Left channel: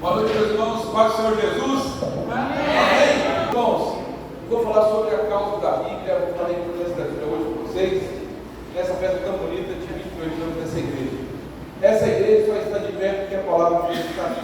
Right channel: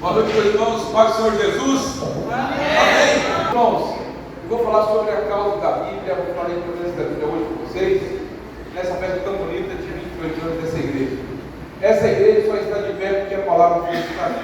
Boa noite, meus irmãos. Paz do Senhor Jesus. Amém. Irmãos, eu vou falar sobre a causa da Bíblia. Eu vou falar a importância da Bíblia hoje com vocês, nessa festa tão bonita de 28 anos dessa igreja. Essa igreja só está de pé porque a palavra foi edificada.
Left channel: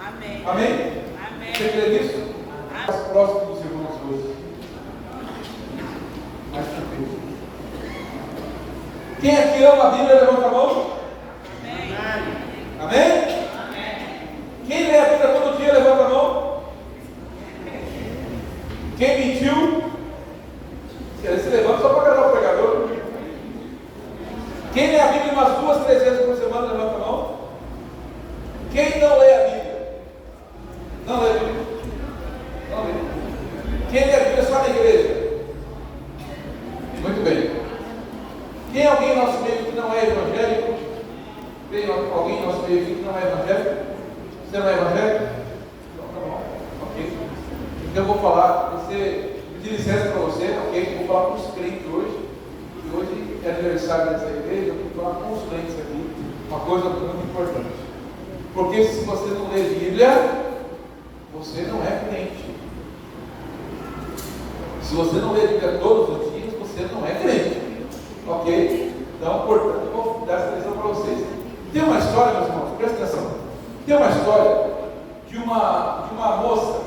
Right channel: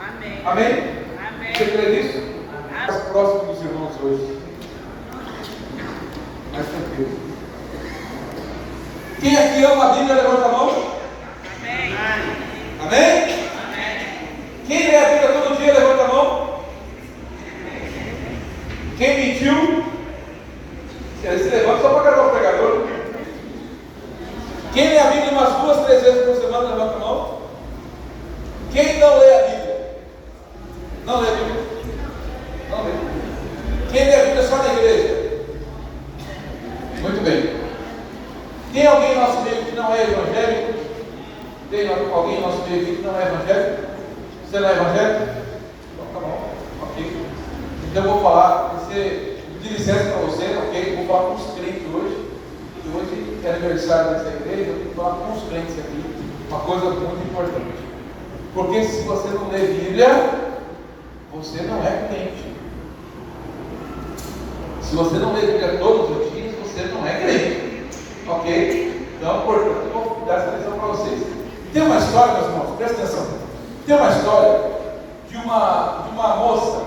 Amém. Amém? Amém. Você crê nisso? Mais próximo dos irmãos hoje. Mais tranquilo. Quem aqui ama a Bíblia, levanta a mão. Amém. Amém? Quem lê a Bíblia todo dia, levanta a mão. Quem mentiu? Se levanta só para agradar o pregador. Quem lê a Bíblia umas 2, 3 vezes por semana, levanta a mão. Quem não lê a Bíblia? Não lê a Bíblia? Não lê. Quem lê a Bíblia só na igreja? Muito bem. Tem alguém em nosso meio que não é evangélico? Tem alguém em nosso meio aqui que não é evangélico? Você não é evangélico? Então tá bom, ok. Então eu vou falar, você pedir licença para você, ok? Eu vou falar com os crentes hoje, que hoje é aniversário dessa igreja, eu tenho que falar com os crentes aqui, uma coisa muito importante. Porque se você não lê Bíblia, você não é crente. Se você não lê Bíblia todos os dias, você não é crente, ok? Então, portanto, eu vou dar essa lição para vocês. Tem uma história, meus irmãos, presta atenção. Tem uma história de uma moça.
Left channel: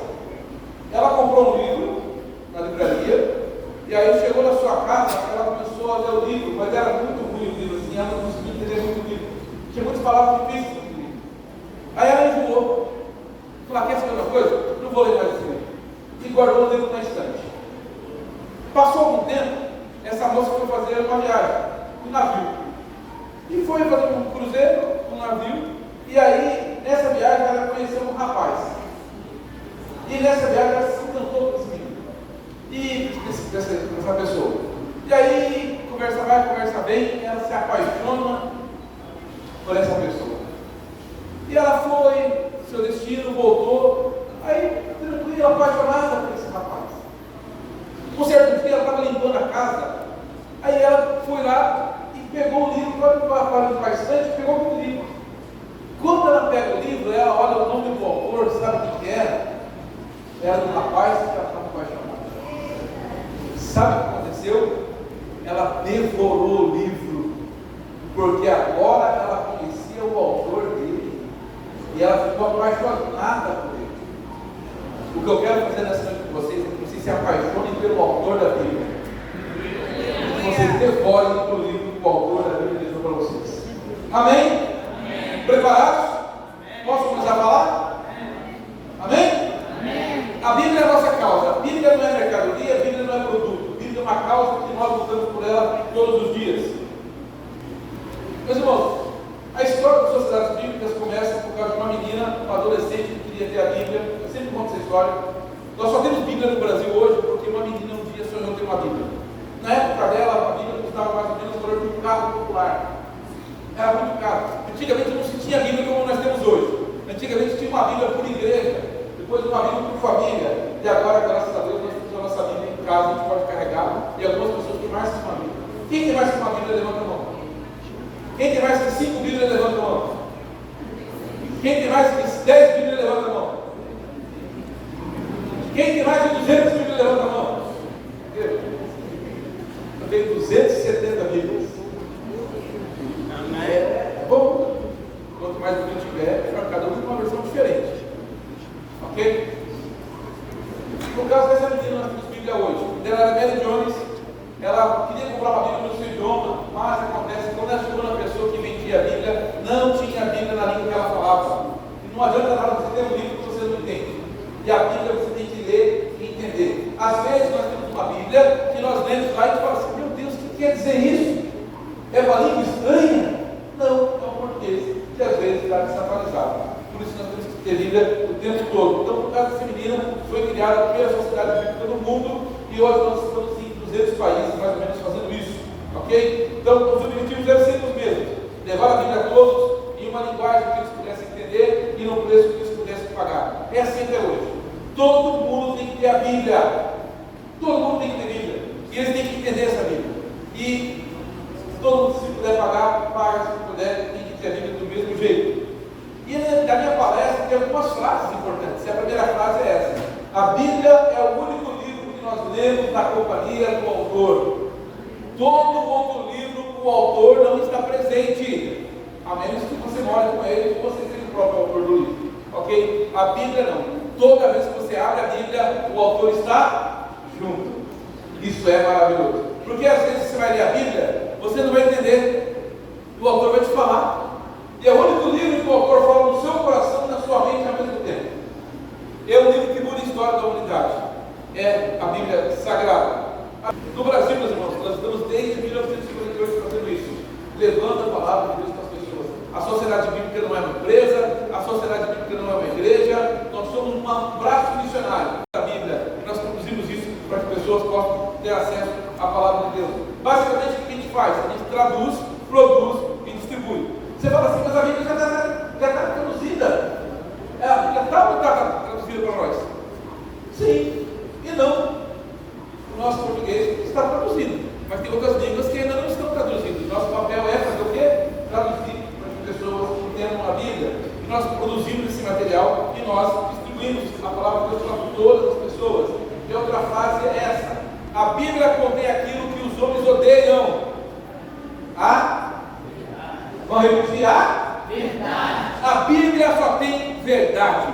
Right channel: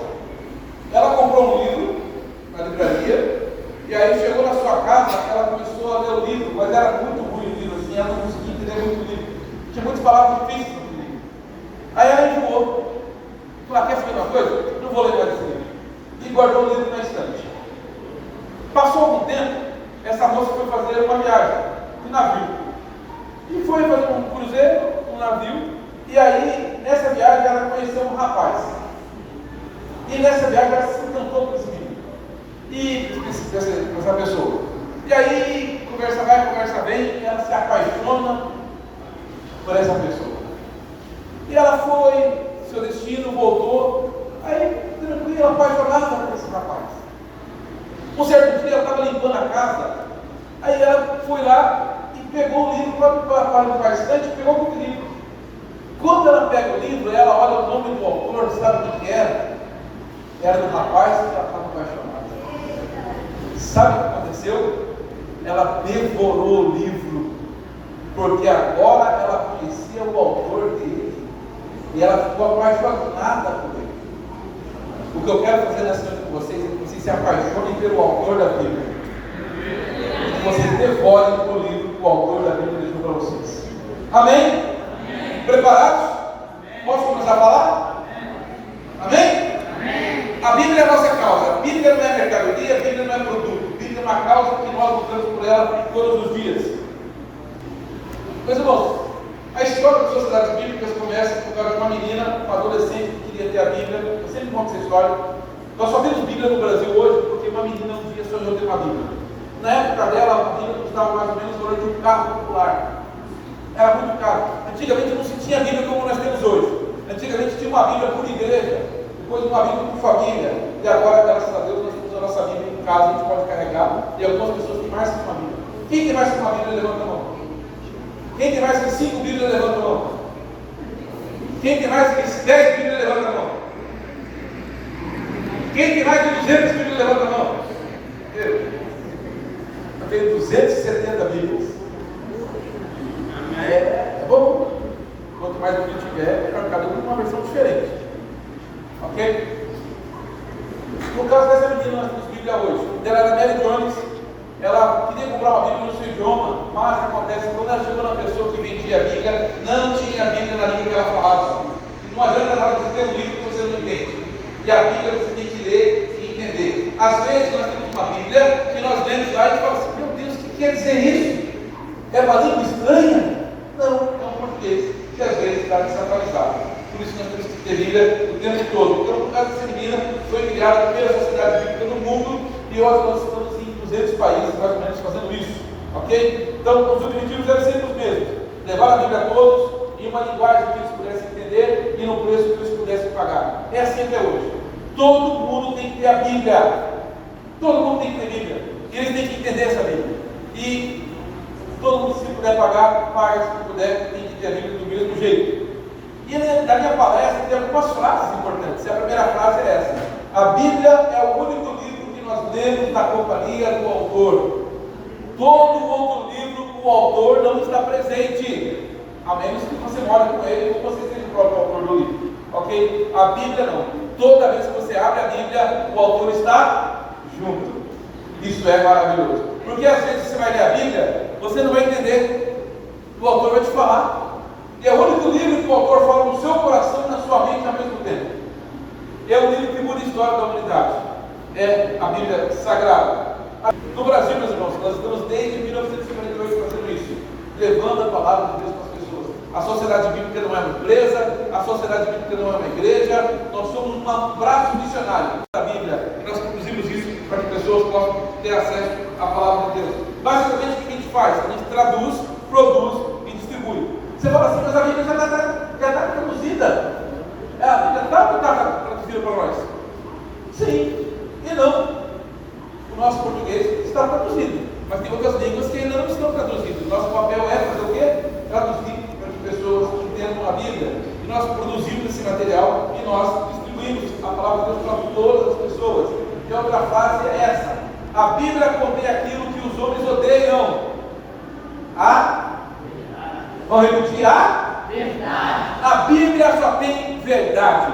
Ela comprou um livro na livraria, e aí chegou na sua casa, ela começou a ler o livro, mas era muito ruim o livro, assim, ela não conseguia entender muito o livro. Tinha muitas palavras difíceis no livro. Aí ela enjoou. Falou: quer saber uma coisa? Não vou ler mais esse livro. E guardou o livro na estante. Passou algum tempo, essa moça foi fazer uma viagem de navio. E foi fazer um cruzeiro, um navio. E aí, nessa viagem, ela conheceu um rapaz. E nessa viagem, ela se encantou com esse menino. E essa pessoa. E aí, conversa vai, conversa vem, ela se apaixona por essa pessoa. E ela foi, seu destino, voltou. Aí, tranquila, apaixonada por esse rapaz. Um certo dia, ela estava limpando a casa. Aí ela foi lá e pegou o livro para limpar a estante, e pegou o livro. Quando ela pega o livro, ela olha o nome do autor, sabe o que era? Era do rapaz que ela estava apaixonada. Sabe o que aconteceu? Ela devorou o livro, porque agora ela conhecia o autor dele, e ela ficou apaixonada por ele. O que eu quero fazer nessa noite com vocês é que vocês se apaixonem pelo autor da Bíblia. Que vocês devorem o livro que o autor da Bíblia deixou para vocês. Amém? Preparados? Posso começar a falar? Amém? A Bíblia é a nossa causa. A Bíblia não é mercadoria, a Bíblia não é produto. A Bíblia é uma causa que nós lutamos por ela todos os dias. Meus irmãos, a história das sociedades bíblicas começa por causa de uma menina, uma adolescente que queria ter a Bíblia. Eu sempre conto essa história. Nós só temos Bíblia no Brasil hoje porque uma menina um dia sonhou ter uma Bíblia. Na época dela, a Bíblia custava mais ou menos o valor de um carro popular. Era muito caro. Antigamente não se tinha Bíblia como nós temos hoje. Antigamente tinha uma Bíblia por igreja, depois uma Bíblia por família, e agora, graças a Deus, nós temos a nossa Bíblia em casa, a gente pode carregar, e algumas pessoas têm mais que uma Bíblia. Quem tem mais que uma Bíblia, levanta a mão. Quem tem mais que 5 Bíblias, levanta a mão. Quem tem mais que 10 Bíblias, levanta a mão. Quem tem mais que 200 Bíblias, levanta a mão. Eu tenho 270 Bíblias. É bom. Quanto mais Bíblia tiver, melhor. Cada um tem uma versão diferente. Ok? No caso dessa menina, nós temos Bíblia hoje. Ela era Mary Jones. Ela queria comprar uma Bíblia no seu idioma, mas acontece que quando ela chegou na pessoa que vendia a Bíblia, não tinha a Bíblia na língua que ela falava. E não adianta nada você ter um livro que você não entende. E a Bíblia você tem que ler e entender. Às vezes nós temos uma Bíblia que nós lemos lá e falamos assim: meu Deus, o que quer dizer isso? É uma língua estranha? Não, é um português que às vezes está desatualizado. Por isso nós temos que ter Bíblia o tempo todo. Então, por causa dessa menina, foi criada a primeira sociedade bíblica no mundo, e hoje nós estamos em 200 países mais ou menos fazendo isso. Ok? Então, os objetivos devem ser os mesmos: levar a Bíblia a todos em uma linguagem que eles pudessem entender e num preço que eles pudessem pagar. É assim até hoje. Todo mundo tem que ter a Bíblia. Todo mundo tem que ter Bíblia. E eles têm que entender essa Bíblia. E todo mundo, se puder pagar, paga. Se puder, tem que ter a Bíblia do mesmo jeito. E na minha palestra tem algumas frases importantes. A primeira frase é essa: a Bíblia é o único livro que nós lemos na companhia do autor. Todo outro livro, o autor não está presente, a menos que você mora com ele ou você seja o próprio autor do livro. Ok? A Bíblia não. Toda vez que você abre a Bíblia, o autor está junto. Isso é maravilhoso. Porque às vezes você vai ler a Bíblia, você não vai entender. O autor vai te falar. E é o único livro que o autor fala no seu coração e na sua mente ao mesmo tempo. É o livro que muda a história da humanidade. É a Bíblia Sagrada. No Brasil, meus irmãos, nós estamos desde 1958 fazendo isso, levando a palavra de Deus para as pessoas. A sociedade bíblica não é uma empresa, a sociedade bíblica não é uma igreja, nós somos um braço missionário da Bíblia. Nós produzimos isso para que pessoas possam ter acesso à palavra de Deus. Basicamente, o que a gente faz? A gente traduz, produz e distribui. Você fala assim, mas a Bíblia já está traduzida. A Bíblia está traduzida para nós. Sim e não. O nosso português está traduzido, mas tem outras línguas que ainda não estão traduzidas. Nosso papel é fazer o quê? Traduzir para que pessoas entendam a Bíblia. E nós produzimos esse material e nós distribuímos a palavra de Deus para todas as pessoas. E a outra frase é essa: a Bíblia contém aquilo que os homens odeiam. Vamos repetir? Verdade. A Bíblia só tem verdade.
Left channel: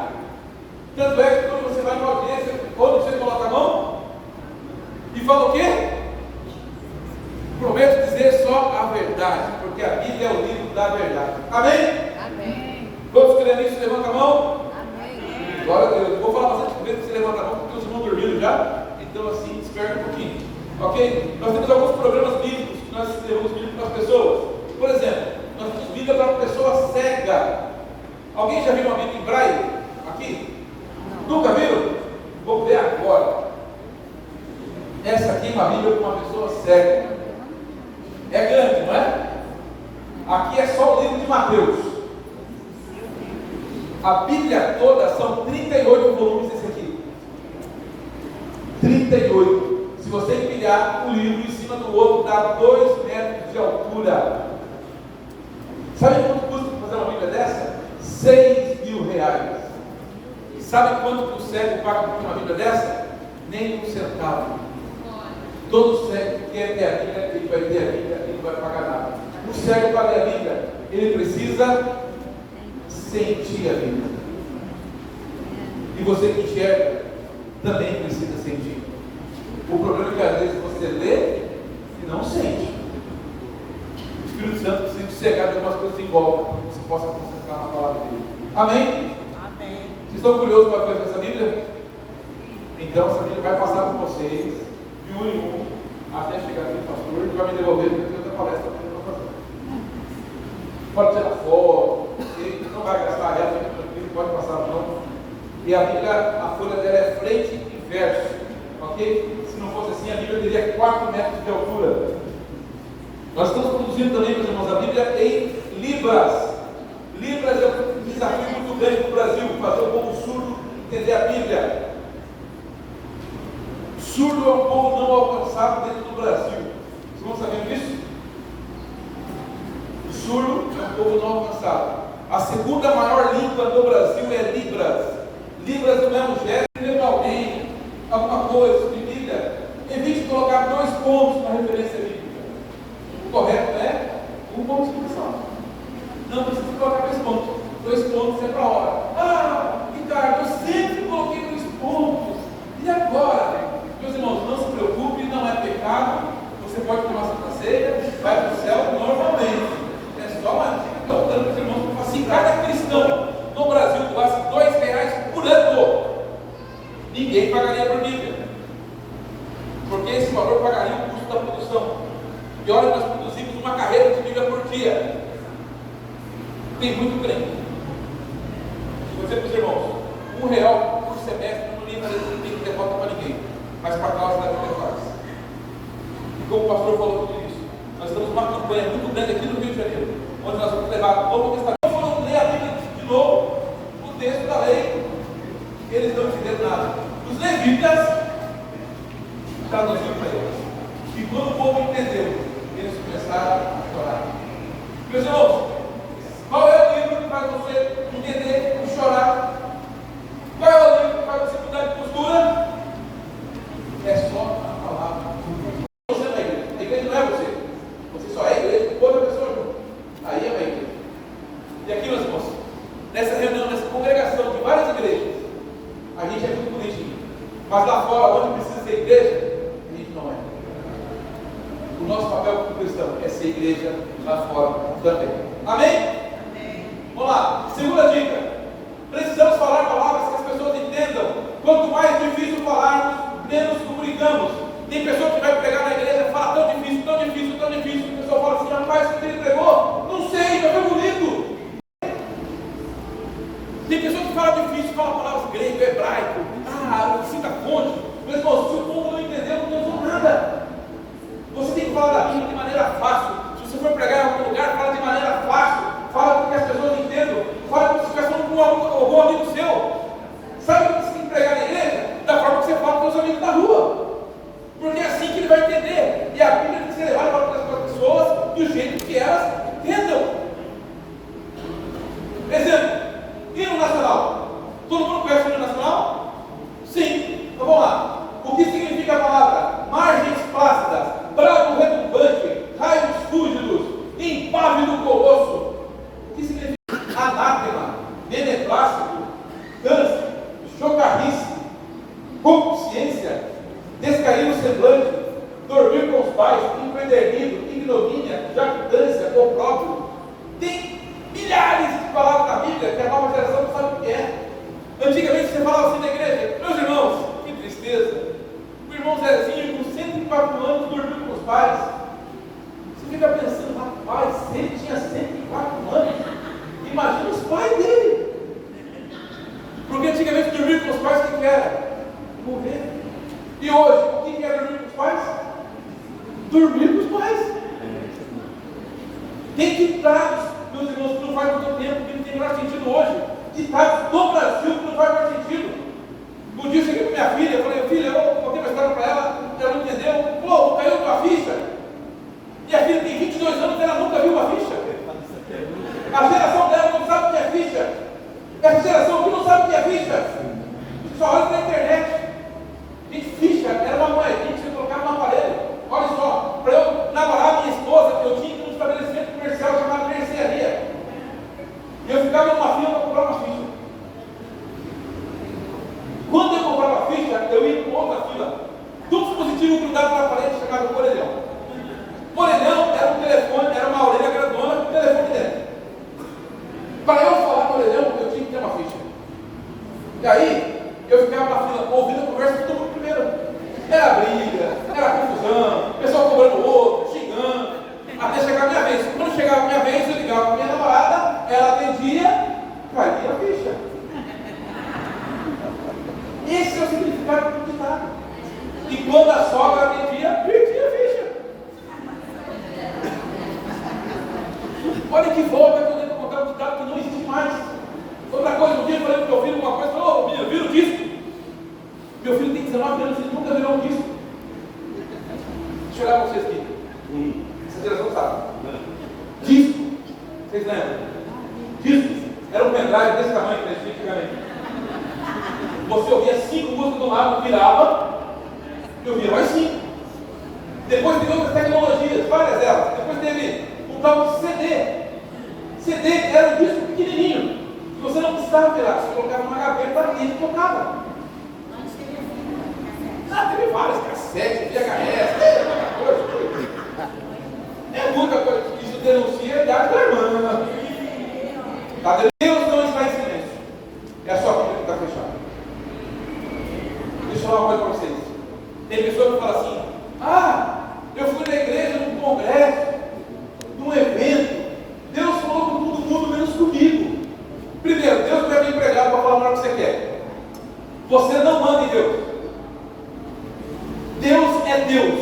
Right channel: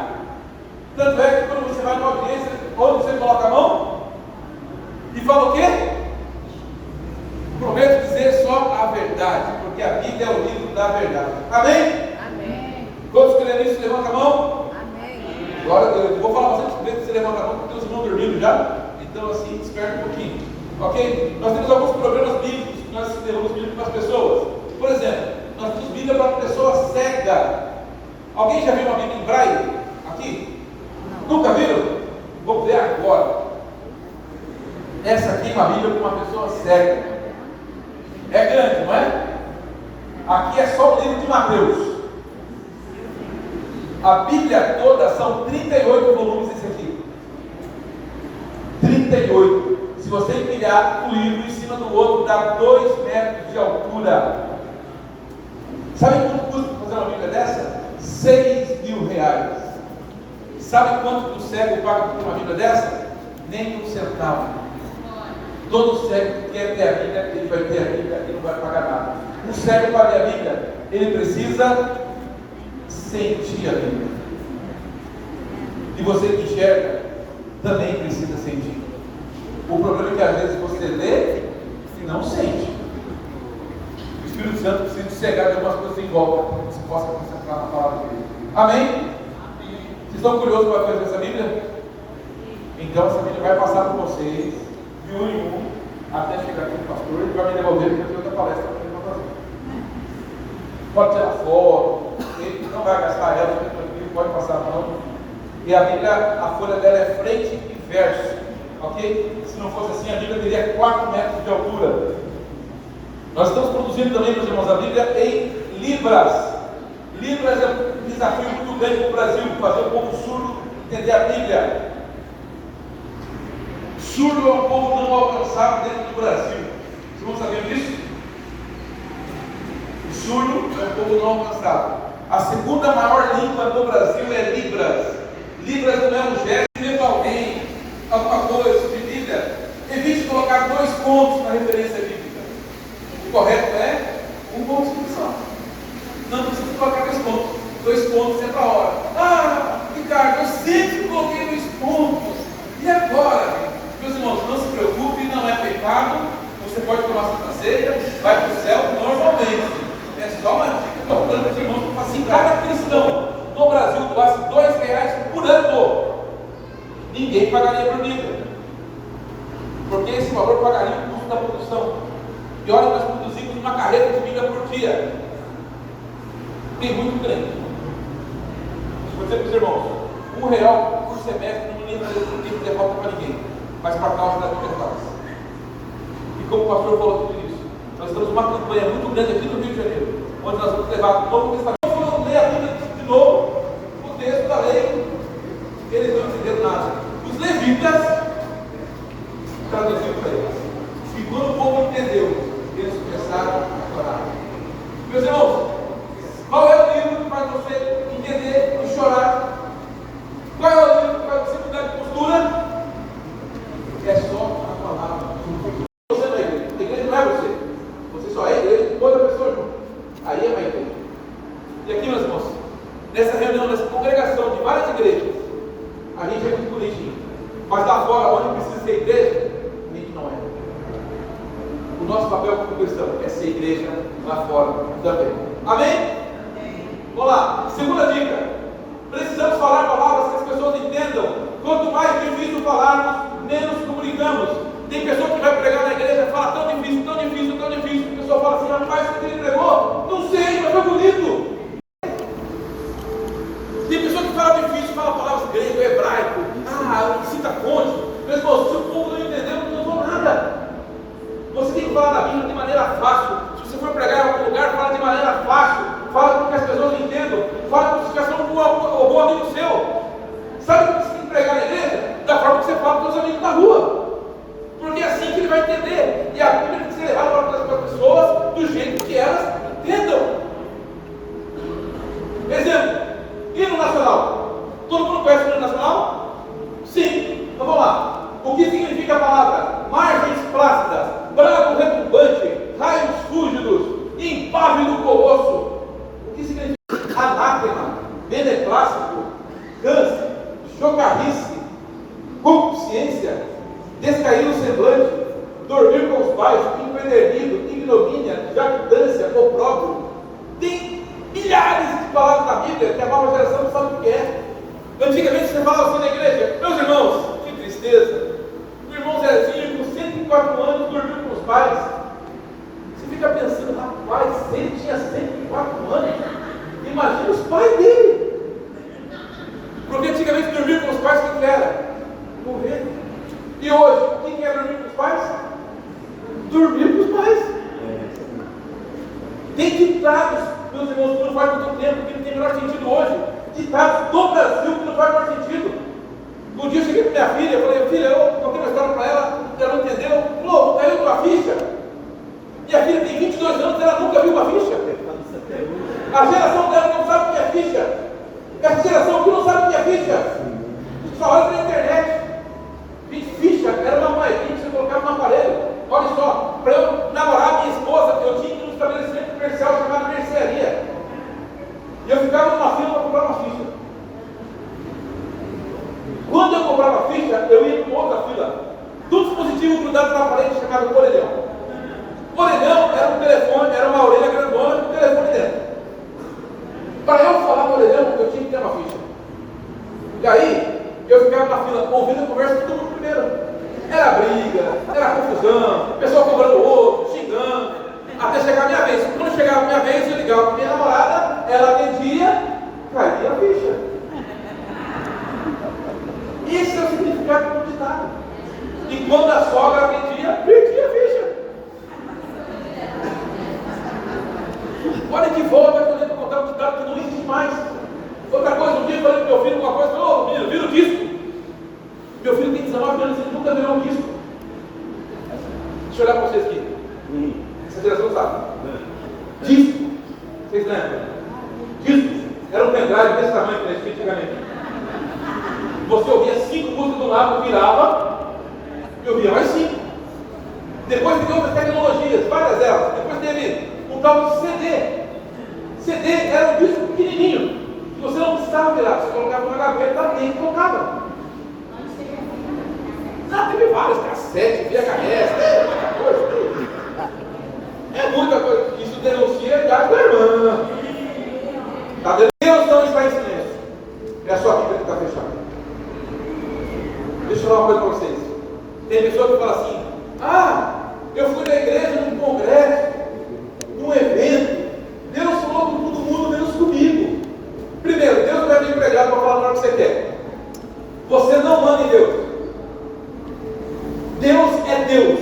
Tanto é que quando você vai numa audiência, onde você coloca a mão e fala o quê? Prometo dizer só a verdade, porque a Bíblia é o livro da verdade. Amém? Amém. Todos creem nisso? Levanta a mão. Amém. Glória a Deus. Eu vou falar bastante vezes que você levanta a mão, porque os irmãos dormindo já. Então, assim, desperta um pouquinho. Ok? Nós temos alguns problemas bíblicos que nós levamos Bíblia para as pessoas. Por exemplo, nós temos Bíblia para uma pessoa cega. Alguém já viu uma Bíblia em braille? Aqui? Não. Nunca viram? Vou ver agora. Essa aqui é uma Bíblia para uma pessoa cega. É grande, não é? Aqui é só o livro de Mateus. A Bíblia toda são 38 volumes esse aqui. 38. Se você empilhar o livro em cima do outro, dá 2 metros de altura. Sabe quanto custa fazer uma Bíblia dessa? R$6.000. Sabe quanto que o cego paga por uma Bíblia dessa? Nem um centavo. Todo cego que quer ter a Bíblia, ele vai ter a Bíblia e não vai pagar nada. Um cego para ler a Bíblia, ele precisa sentir a Bíblia. E você que enxerga, também precisa sentir. O problema é que às vezes você lê e não sente. O Espírito Santo precisa te cegar de algumas coisas em volta, para que você possa concentrar na palavra dele. Amém? Amém. Vocês estão curiosos para fazer essa Bíblia? Então essa Bíblia vai passar por vocês, de um em um, até chegar aqui no pastor, ele vai me devolver porque eu tenho outra palestra para ele fazer. Pode tirar foto, ele não vai gastar ela, pode passar a mão. E a Bíblia, a folha dela é frente e verso, ok? Se não fosse assim, a Bíblia teria 4 metros de altura. Nós estamos produzindo também, meus irmãos, a Bíblia em Libras. Libras é um desafio muito grande para o Brasil, fazer o povo surdo entender a Bíblia. Surdo é um povo não alcançado dentro do Brasil. Vocês vão saber disso? O surdo é um povo não alcançado. A segunda maior língua do Brasil é Libras. Libras não é um gesto, mesmo alguém, alguma coisa sobre Bíblia. Evite colocar 2 pontos na referência bíblica. O correto é 1 ponto de exclamação. Não precisa colocar 2 pontos. 2 pontos é para a hora. Ricardo, eu sempre coloquei 2 pontos. E agora? Meus irmãos, não se preocupe, não é pecado. Você pode tomar Santa Ceia, vai para o céu normalmente. É só uma dica que eu estou dando para os irmãos. Assim, cada cristão no Brasil gasta R$2 por ano. Ninguém pagaria por Bíblia. Porque esse valor pagaria o custo da produção. E olha, nós produzimos uma carreira de Bíblia por dia. Tem muito crente. Vou dizer para os irmãos, R$1 por semestre não linha não tem falta para ninguém. Mas para a causa da Bíblia faz. E como o pastor falou tudo isso, nós estamos numa campanha muito grande aqui no Rio de Janeiro, onde nós vamos levar o Novo Testamento. Nós vamos ler a Bíblia de novo, o texto da lei. Eles não entenderam nada. Os levitas traduziram para eles. E quando o povo entendeu, eles começaram a chorar. Meus irmãos, qual é o livro que faz você entender várias igrejas. A gente é muito bonitinho. Mas lá fora, onde precisa ser igreja, a gente não é. O nosso papel como cristão é ser igreja lá fora também. Amém? Amém. Vamos lá. Segunda dica. Precisamos falar palavras que as pessoas entendam. Quanto mais difícil falarmos, menos comunicamos. Tem pessoa que vai pregar na igreja e fala tão difícil, tão difícil, tão difícil. A pessoa fala assim, rapaz, você pregou? Não sei, mas foi bonito. Tem pessoa que fala difícil, fala palavras grego, hebraico, cita cônjuge. Meu irmão, se o povo não entendeu, não usou nada. Você tem que falar da Bíblia de maneira fácil. Se você for pregar em algum lugar, fala de maneira fácil. Fala para que as pessoas entendam. Fala como se estivesse falando com algum amigo seu. Sabe como você tem que pregar na igreja? Da forma que você fala com os seus amigos na rua. Porque é assim que ele vai entender. E a Bíblia tem que ser levada para as pessoas do jeito que elas entendam. Exemplo, hino nacional. Todo mundo conhece o hino nacional? Sim. Então vamos lá. O que significa a palavra? Margens plácidas, brado retumbante, raios fúlgidos, impávido colosso. O que significa? Anátema, beneplácito, câncer, chocarrice, concupiscência, descair o semblante, dormir com os pais, empedernido, ignomínia, jactância, opróbrio. Tem milhares de palavras na Bíblia que a nova geração não sabe o que é. Antigamente você falava assim na igreja, meus irmãos, que tristeza. O irmão Zezinho, com 104 anos, dormiu com os pais. Você fica pensando, rapaz, se ele tinha 104 anos, imagina os pais dele. Porque antigamente dormir com os pais, o que era? Morrer. E hoje, o que é dormir com os pais? Dormir com os pais. Tem ditados, meus irmãos, que não faz muito tempo, que não tem o menor sentido hoje. Ditados do Brasil que não faz o menor sentido. Um dia eu cheguei para minha filha, falei, filha, eu contei uma história para ela, ela não entendeu. Falou, caiu tua ficha. Minha filha tem 22 anos, ela nunca viu uma ficha. A geração dela não sabe o que é ficha. Essa geração aqui não sabe o que é ficha. Só olha para a internet. Gente, ficha era uma moedinha que você colocava no aparelho. Olha só, para eu namorar minha esposa, eu tinha que ir num estabelecimento comercial chamado mercearia. E eu ficava numa fila para comprar uma ficha. Quando eu comprava a ficha, eu ia para outra fila. Do dispositivo grudado na parede chamado orelhão. Orelhão era um telefone, era uma orelha grandona com o telefone dentro. Para eu falar no orelhão, eu tinha que ter uma ficha. E aí, eu ficava na fila ouvindo a conversa de todo mundo primeiro. Era briga, era confusão, pessoal cobrando o outro, xingando, até chegar a minha vez. Quando chegava a minha vez, eu ligava para minha namorada, ela atendia, caía a ficha. Esse é o significado do ditado. E quando a sogra atendia, perdia a ficha. Olha que volta quando eu contar um ditado que não existe mais. Outra coisa, um dia eu falei para meu filho uma coisa, falou, ô menino, vira o disco. Meu filho tem 19 anos, ele nunca virou um disco. Deixa eu olhar para vocês aqui. Essa geração sabe. Disco. Vocês lembram? Disco. Era um pendrive desse tamanho que existia antigamente. Você ouvia 5 músicas do lado, virava, e ouvia mais 5. Depois teve outras tecnologias, várias delas. Depois teve o tal de CD. CD era um disco pequenininho, que você não precisava virar, você colocava na gaveta e ele tocava. Teve vários, cassete, VHS, muita coisa. É muita coisa. Isso denuncia a tua irmã. Tá? Deus não está em silêncio. É a sua Bíblia que está fechada. Deixa eu falar uma coisa para vocês. Tem pessoa que fala assim, eu fui na igreja, num congresso, num evento, Deus falou com todo mundo, menos comigo. Primeiro, Deus vai vir pregar para falar o que você quer. Você não manda em Deus. Deus é Deus.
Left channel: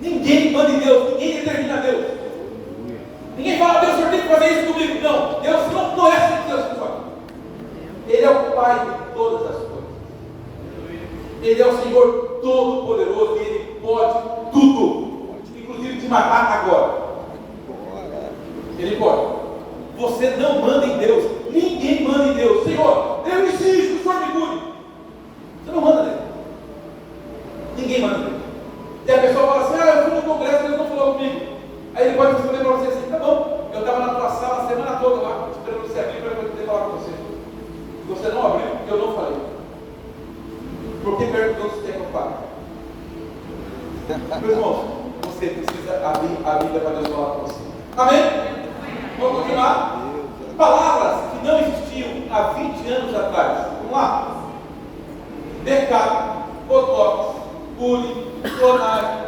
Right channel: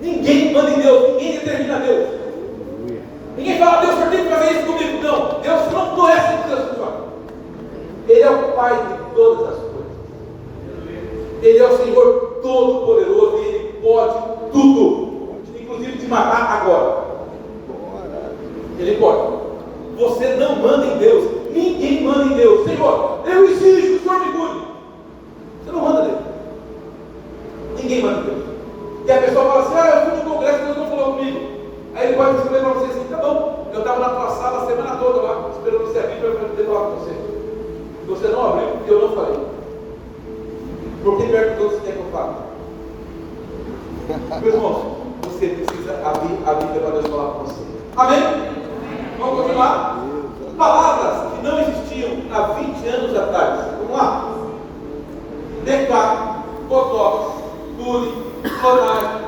Ninguém manda em Deus, ninguém determina Deus. Ninguém fala, Deus, o senhor tem que fazer isso comigo. Não, Deus não é assim, Deus, pessoal. Ele é o Pai de todas as coisas. Ele é o Senhor Todo-Poderoso e Ele pode tudo, inclusive te matar agora. Ele pode. Você não manda em Deus, ninguém manda em Deus. Senhor, eu exijo que o Senhor me cure. Você não manda nele. Ninguém manda em Deus. E a pessoa fala assim, eu fui no congresso, Deus não falou comigo. Aí ele pode responder para você assim, tá bom, eu estava na tua sala a semana toda lá, esperando você aqui para eu poder falar com você. Você não abriu porque eu não falei. Por que perguntou se quer que eu fale? Meus irmãos, você precisa abrir a Bíblia para Deus falar com você. Amém? Vamos continuar? Palavras que não existiam há 20 anos atrás. Vamos lá? Decado, botox, bullying, clonagem,